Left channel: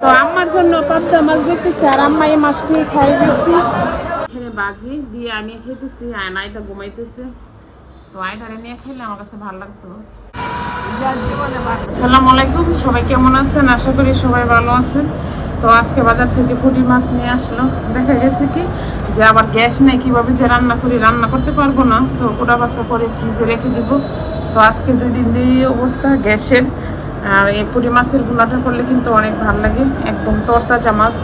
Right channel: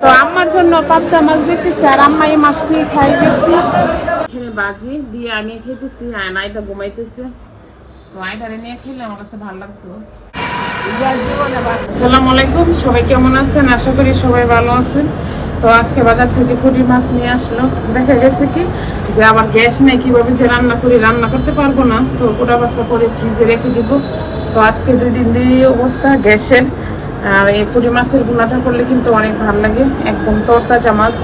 তো আমার জন্য পাঁচটা মাছ দিতেছে আর আম্মা এই মাছটি খাই বেশি। এখানে বাজি দিয়ে আমি খেতেছি আর নাইটা ঘুমাইতেছে। তো আইটারে নিয়ে খেলে আমার কাছে ভালো লাগতো। আসসালামু আলাইকুম, সবাই কেমন আছেন? আশা করি সবাই ভালো আছেন। তো আজকে বাজার থেকে পুঁটি মাছ নিয়ে আসলো। দেখা গেছে কি যে আবার গ্যাস নেই, কিভাবে যে রান্না করি, রান্না করতে পারবো না। তো কোটা বাছা করে ফ্রিজে রেখে দিব। তো আজকে 2 দিন দিয়ে অবস্থা গ্যাসের। আর এই পুঁটি মাছের ভুনাটা করলে কিন্তু অনেক ভালো লাগে, একদম তরতাজা মাছ।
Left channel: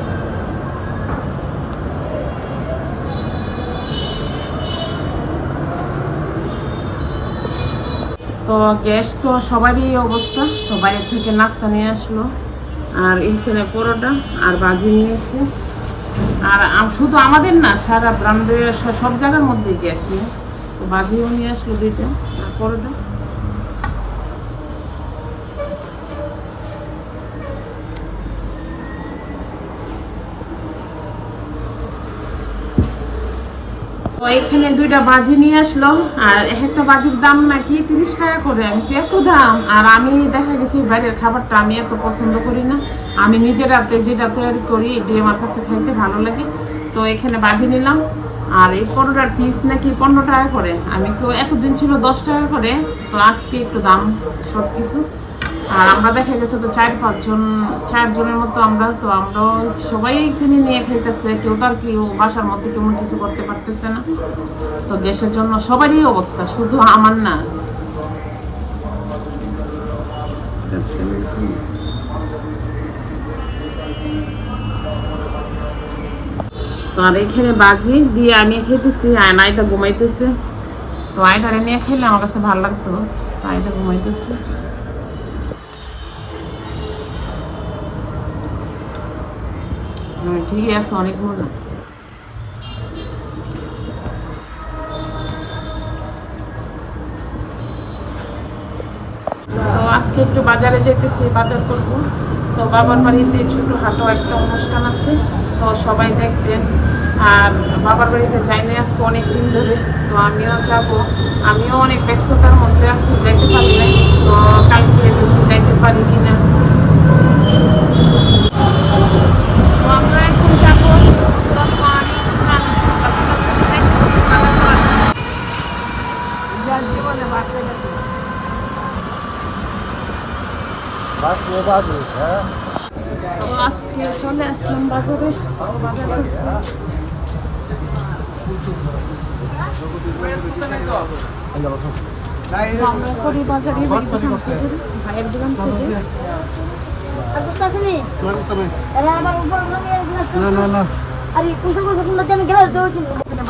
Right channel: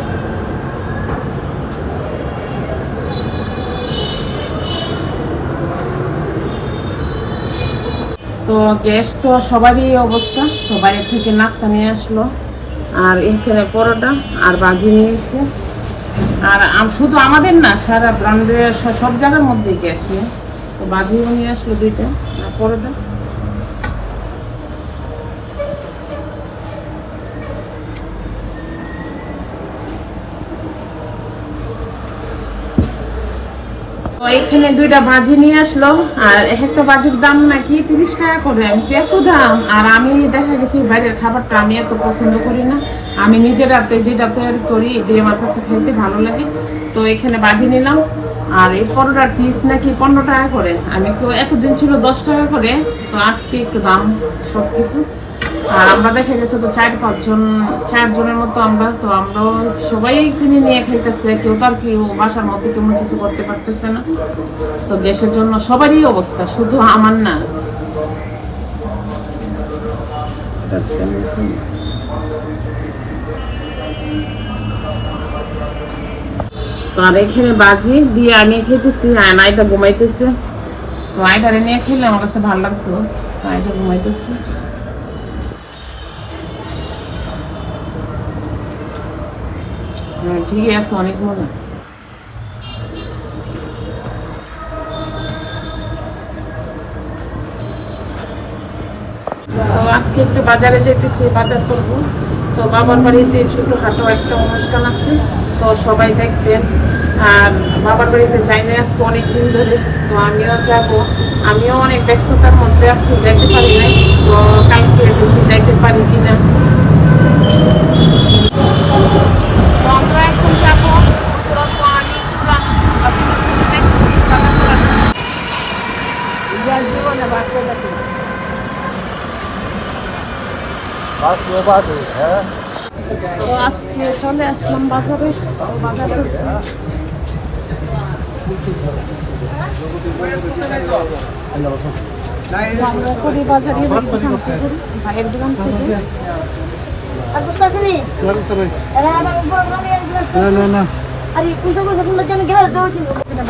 তো গ্যাস তো সবারই অবস্থা। তো বাইরে থেকে নাস্তা নিয়ে আসলো আর এখানে পরোটা আর ভাজি নিয়েছে। আর শুধু আমাদের না, সারা ব্র্যান্ডের সব জায়গার মধ্যে গ্যাস নেই। তো ভাজিও নিয়ে আসলো 2টা আর পরোটা। তো এখানে 2টা ভাজি নিয়ে আসলো আর একটা ভাজির দাম নাকি 30 টাকা করে। আমি কি এত দাম? আর আমি দেখা গেছি বাইরের খাবারটা আমি এত পছন্দ করি না। আমি নিজের হাতে যেটা তৈরি করি এটি আমার কাছে খেতে ভালো লাগে। তো এখানে ভাজি নিলাম আর এই পরোটার পিস নাকি 15 টাকা করে। আমি কেউ এতদিন ছিল 10 টাকা করে। তো আজকে একটু দাম সব কিছু। আর আমরা দেখা গেছে তো 4 জনের মতো আমরা। তো আমরাও সবাই কিনে নিয়ে খাইতেছে, কেউ তার কেউ বাসার মধ্যে কেমন কিছু করতে পারতেছে না। তো গ্যাসের জন্য সবারই অবস্থা, শুধু আমার না। তো আর এখানে বাজি দিয়ে আমি খেতেছি আর আয়টা ঘুমাইতেছে। তো আয়টারে নিয়ে খেলে আমার কাছে ভালো লাগতো। আয়টা ঘুমাইতেছে। ঠিকই আছে, অনেক মজা। তো আজকে একটু বাজারে যেতেছি, বাজার করবো। তো বাবার বাড়িতে ছোটখাটো একটা অনুষ্ঠান আছে, তো সবাই দেখবেন। আর বাবার বাড়িতে যাই না আজকে অনেক দিন ধরে। তো আমিও যাবো, আমিও অনেক ব্যস্ততার মধ্যে আছি, যাইতে পারি নাই। তো কালকে যদি যাইতে পারি কিনা। তো আমরা এখন যাবো তো আজকে চলে আসলাম বাজারে, বাজার করতে। আমরা করি বাজারে ভাইয়ের দোকান থেকে।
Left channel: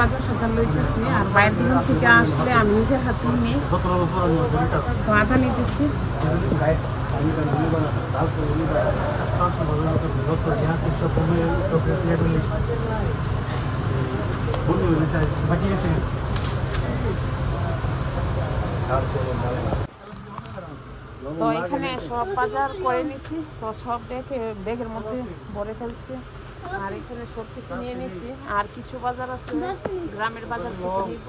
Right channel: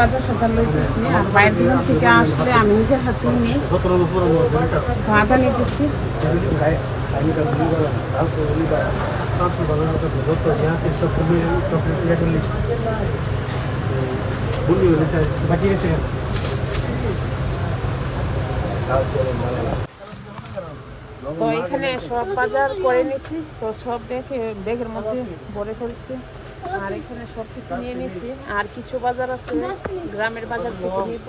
বাজার সদার লইতেছি আর বাইরের দোকান থেকে আসলে আমি নিজের হাতে নিয়ে আটা নিতেছি। তো এখানে সব বাজার করে নিছি। তো সব দেখে ব্যাগের মধ্যে ভরে ফেলছি। আর এখানে সব কিছু নিয়ে নিছি। আর কিছু বাজার আছে গ্রামের বাজার থেকে নিব।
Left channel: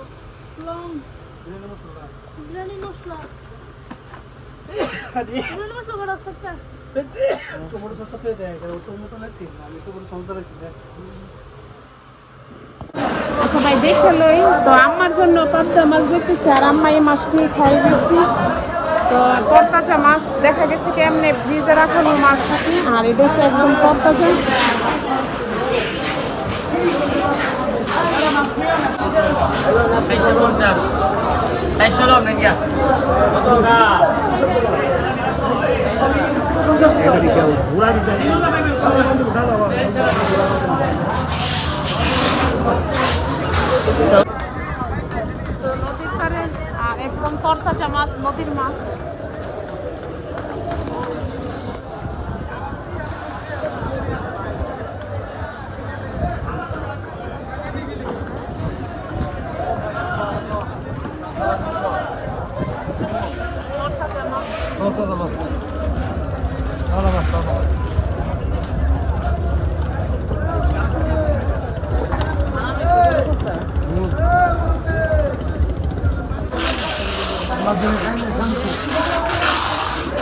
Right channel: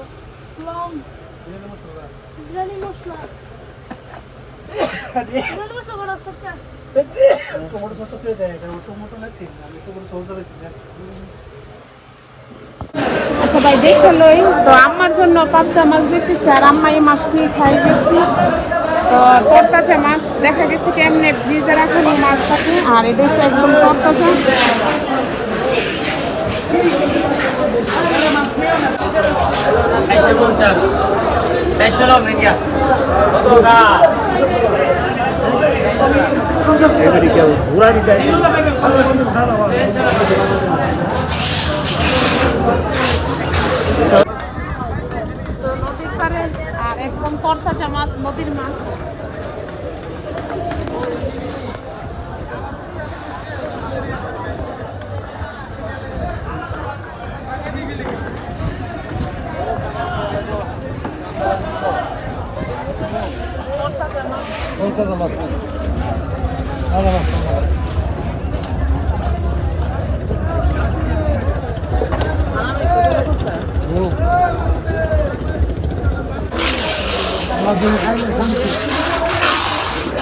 আচ্ছা ভাই দেখে লই। তো আমার জন্য পাঁচটা মাছ দিতেছে আর আম্মা এই মাছটি খাই বেশি। তো তরতাজা মাছ, দেখা গেছে কেমনে ফ্রিজে রাখানো মাছ থাকে আর এটা হচ্ছে একদম তরতাজা। আর একদম তরতাজা মাছ, নদীর মাছ।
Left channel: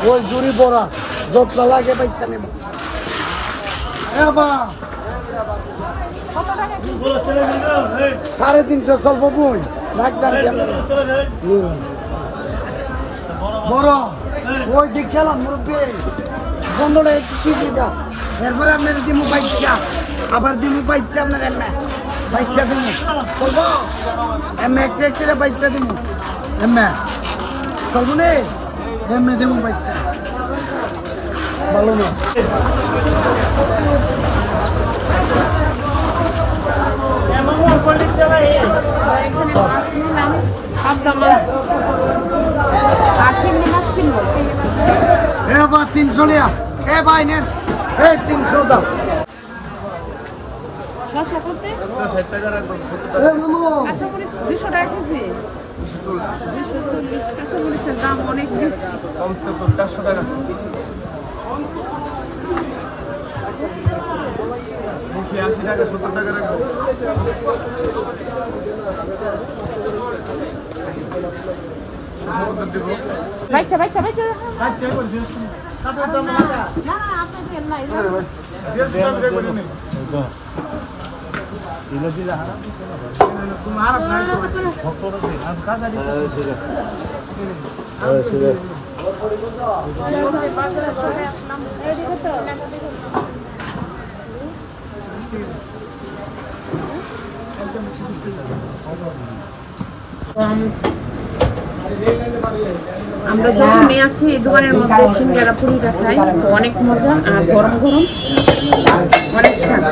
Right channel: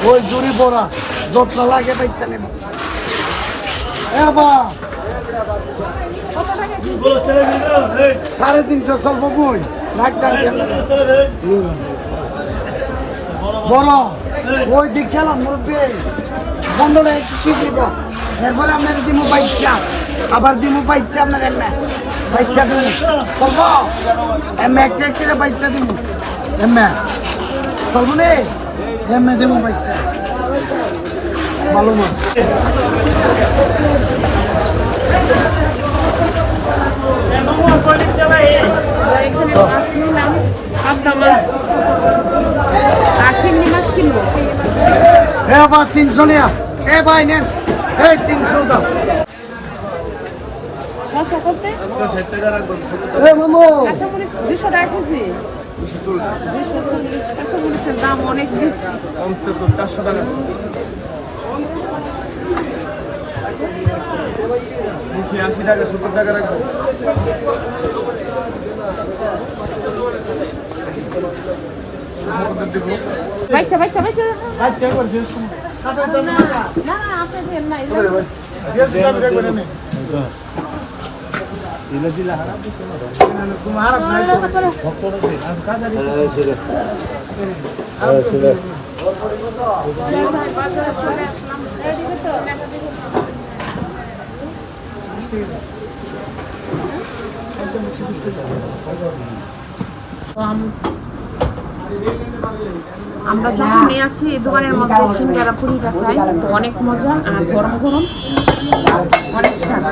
ওই জুড়ি পড়া যত লাগে পাইছে নেব এবার 350 চলবো বই বড় ওই দিক খেলাম মুরব্বী বন্ধুরা কি দিত এরপরে আপনার দিমু বাইচ্ছা আবার দিমু বাইচ্ছা আপনার এমনি বাইচ্ছা দিমু চলবো এমনি একটা একটা বাইচ্ছা দিমু এমনি চলবো নে এমনি দিমু বাইচ্ছা ভালো না পাবদা মাছ আর চিংড়ি মাছ কিনবো। এবার 300 নিয়া এ ভাই নেন এই 300 দাও শসা করতে এ মামু কাঁচামরিচ 200 টাকা কেজি। 240 কাঁচামরিচের দাম অনেক বেশি। 400 টাকা মুখে 80 টাকা 70 টাকা রাখবো বাইচা বাইচা বাইচা আচ্ছা করে দিস না না আপনি দেন না দিস আমি রে করে নে দিলা দিলা তোমার নাই ভক্তরা দে আর কাজা দিলা সেটা সেটা আমরা যখন নিয়ে আসি এই দোকানের মধ্যে সিঙ্গারা পুরিটা খাই তো অনেক মজা আর গরম গরম অনেক স্বাদ।